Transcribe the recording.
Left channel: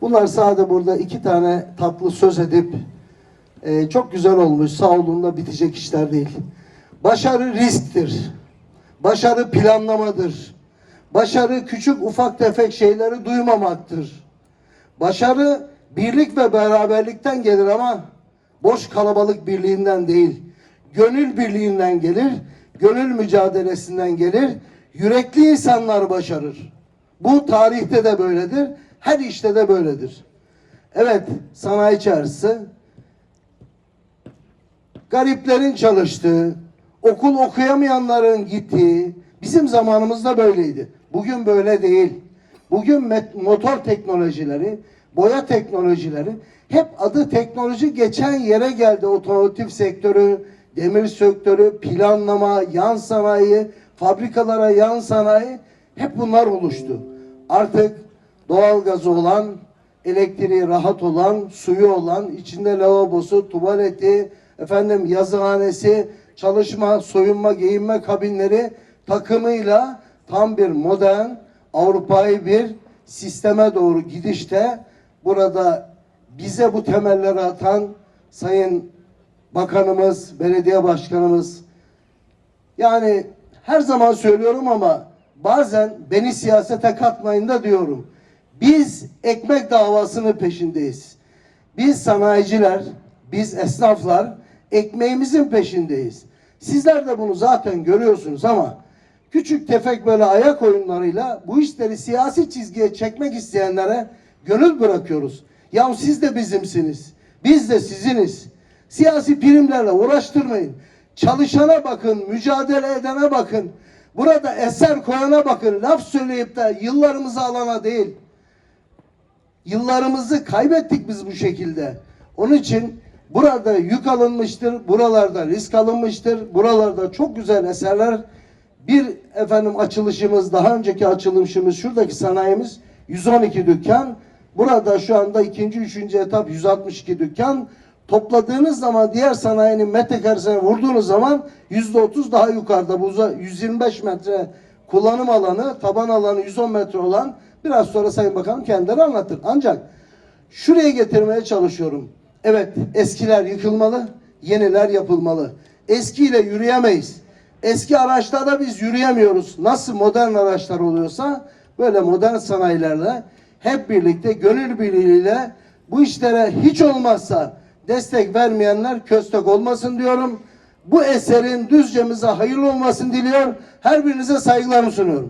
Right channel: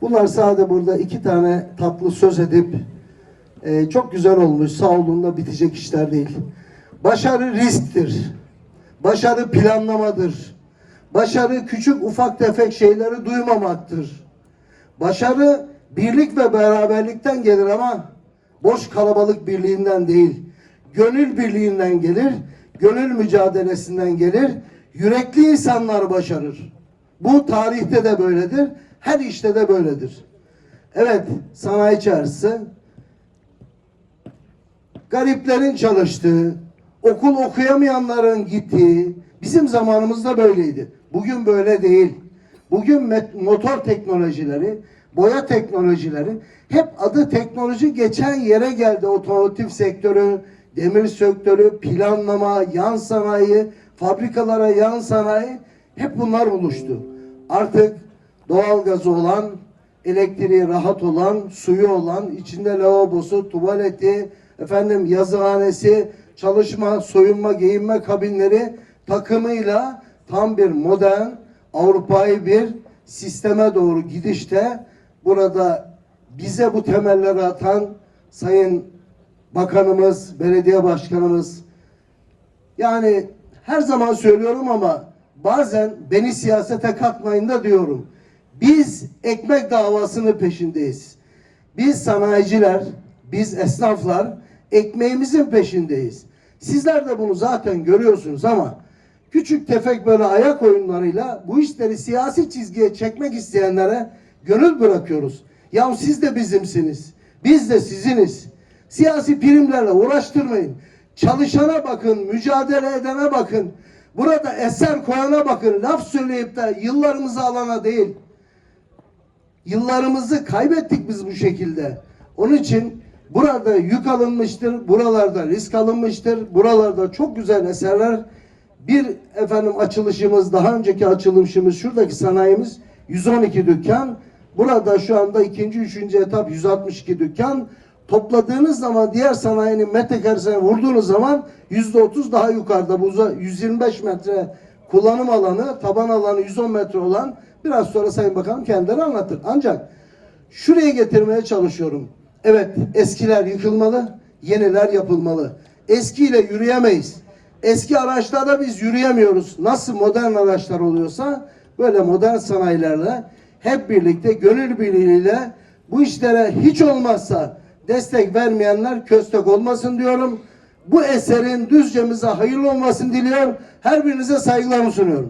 Bunlar sadece burada iki tane tatlı söz edip e, çok güzel olmuş, sağ olunla bitecek işler değil. Başarı risktir. Başarı planlamadır. Başarı küçük ufak tefek şeyleri duymamaktır. Başarı birlik ve beraberlikten gelir ama boş kalabalık birliğinden değil. Gönül birliğinden gelir, gönül mücadelesinden gelir. Yürekli insanlar başarır. Bu tarihte de böyledir, her işte de böyledir. Evet, sanayi çarşısı gariplerin çalıştığı, okul okuyamayanların gittiği, bizim zamanımızda böyleydi. Bugün böyle değil. Bugün motor teknolojileri, boya teknolojileri hep adı teknoloji geçen yere geldi. Otomotiv sektörü, demir sektörü, planlama, yan sanayi, fabrikalara yan sanayi hep bunlar oluştu. Artık doğalgazı olan, elektriği rahat olan, suyu olan, içinde lavabosu, tuvaleti, efendim yazıhanesi, çalışma, soyunma, giyinme kabinleri takımıyla tam bir modern Avrupa'yı bir sisteme doğru gidişte burada bize bu temelleri atan Sayın Bakanımız, Belediye Başkanımız yani her zaman söylüyorum ama bazen beni siyasete katmayın da diyorum. Biz ekmek davasının peşindeyiz. Biz sanayiciler, biz esnaflar ekmeğimizin peşindeyiz. Sizler de bunu zaten görüyorsunuz ama küçük tefek böyle ayak oyunlarıyla bu işleri siyasi çizgiye çekmek isteyenlere gönül bırakıyoruz. Ya siz de bizimsiniz. Biz de siziniz. Siyasi primlerle uğraştırmayın. Çalışana bakın, mücadele edene bakın. Burada eser koyana bakın. Laf söyleyip de yıllarımızı alana değil. Yıllarımızı kaybettik biz bu şekilde. Onun için burada yük alınmıştır, buralarda risk alınmıştır, buralarda çok güzel eserler. Bir efendim açılışımız, daha önceki açılışımız, şuradaki sanayimiz 112 dükkan. Burada şu anda ikinci, üçüncü etap 162 dükkan. Topladığınız zaman diğer sanayinin metrekaresine vurduğunuz zaman yüzde otuz daha yukarıda. Bu uza- 125 metre kullanım alanı, taban alanı 110 metre olan biraz sonra Sayın Bakanım kendileri anlatır. Ancak şuraya getirmeye çalışıyorum. Evet eskiler yıkılmalı, yeniler yapılmalı. Eskiyle yürüyemeyiz. Eski araçlarda biz yürüyemiyoruz. Nasıl modern araçlar oluyorsa böyle modern sanayilerle hep birlikte gönül birliğiyle bu işlere hiç olmazsa destek vermeyenler köstek olmasın diyorum. Bu eserin düzcemize hayırlı olmasını diliyor. Her birinize saygılarımı sunuyorum.